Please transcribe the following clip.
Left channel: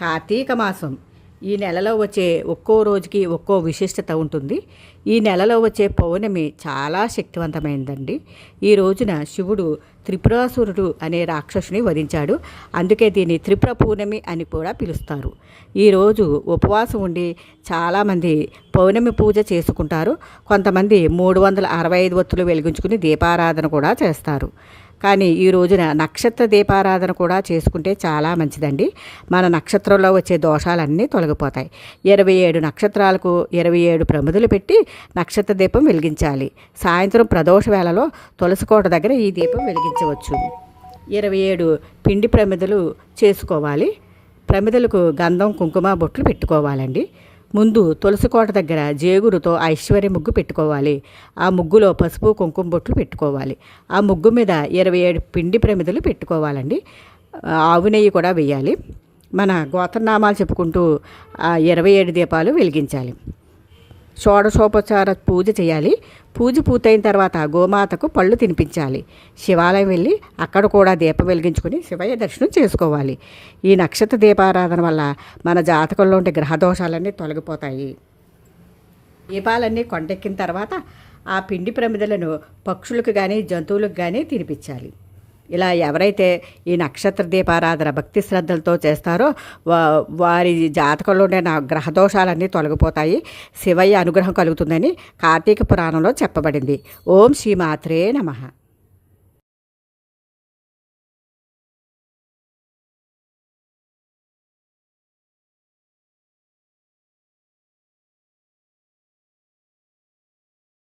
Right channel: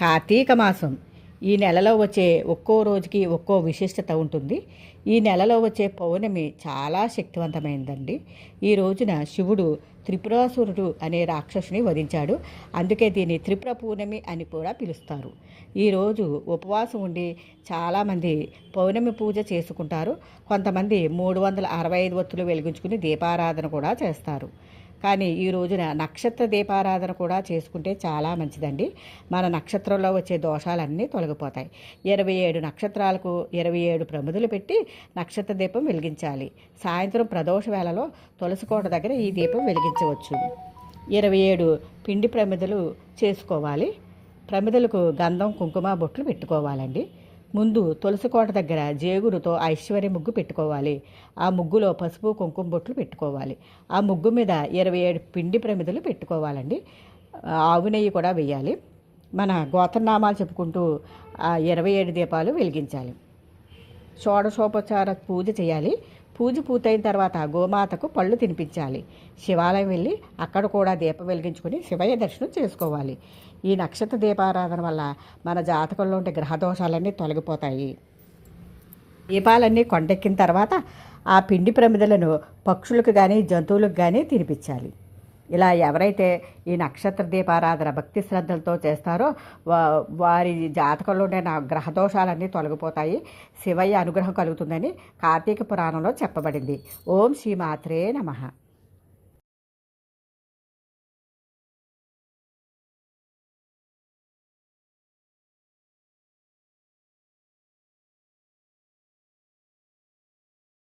కార్తీక మాసం ఈ నెలలో వచ్చే ఒక్కో రోజుకి ఒక్కో విశిష్టత ఉంటుంది. ఈ నెలలో వచ్చే పౌర్ణమి చాలా శక్తివంతమైందండి. ఈ రోజున శివుడు త్రిపురాసురుడు అనే రాక్షసుని వధించాడు. అందుకే దీన్ని త్రిపుర పౌర్ణమి అని కూడా పిలుస్తారు. ఈరోజు ఉపవాసం ఉండి చాలామంది పౌర్ణమి పూజ చేసుకుంటారు. కొంతమంది మూడు వందల అరవై ఐదు వత్తులు వెలిగించుకుని దీపారాధన కూడా చేస్తారు. కానీ ఈ రోజున నక్షత్ర దీపారాధన కూడా చేసుకుంటే చాలా మంచిదండి. మన నక్షత్రంలో వచ్చే దోషాలన్నీ తొలగిపోతాయి. ఇరవై ఏడు నక్షత్రాలకు ఇరవై ఏడు ప్రమిదలు పెట్టి నక్షత్ర దీపం వెలిగించాలి. సాయంత్రం ప్రదోష వేళలో తులసికోట దగ్గర ఈ దీపం వెలిగించవచ్చు. ఇరవై ఏడు పిండి ప్రమిదలు చేసుకోవాలి. ప్రమిదలకు గంధం కుంకుమ బొట్లు పెట్టుకోవాలండి. ముందు తులసి కోట దగ్గర జేగురుతో ఐశ్వర్య ముగ్గు పెట్టుకోవాలి. ఆ ముగ్గులో పసుపు కుంకుమ బొట్లు పెట్టుకోవాలి. ఆ ముగ్గు మీద ఇరవై ఏడు పిండి ప్రమిదలు పెట్టుకోవాలండి. ఆవు నెయ్యి కూడా వేయాలి మన గోతనామాలు చెప్పుకుంటూ ఆ ఇరవై ఏడు దీపాలు వెలిగించాలి. షోడశోపచార పూజ చేయాలి. పూజ పూర్తయిన తర్వాత గోమాతకు పళ్ళు తినిపించాలి. శివాలయం వెళ్ళి అక్కడ కూడా దీపం వెలిగించుకొని శివయ్య దర్శనం చేసుకోవాలి. ఈ నక్షత్ర దీపారాధన వల్ల మన జాతకంలో ఉండే గ్రహదోషాలన్నీ తొలగిపోతాయి. దీపాలన్నీ కొండెక్కిన తర్వాత ఆ పిండి ప్రమిదలను పక్షులకు కానీ జంతువులకు కానీ తినిపించాలి. ఇలా ఎవరైతే ఈ నక్షత్ర దీపారాధన భక్తి శ్రద్ధలతో చేస్తారో వా వారి జాతకంలో ఉండే నా గ్రహదోషాలన్నీ తొలగిపోతాయి. శివయ్య అనుగ్రహం కలుగుతుందని కార్తీక పురాణంలో చెప్పబడింది. ఓం శ్రీ మాత్రే నమః.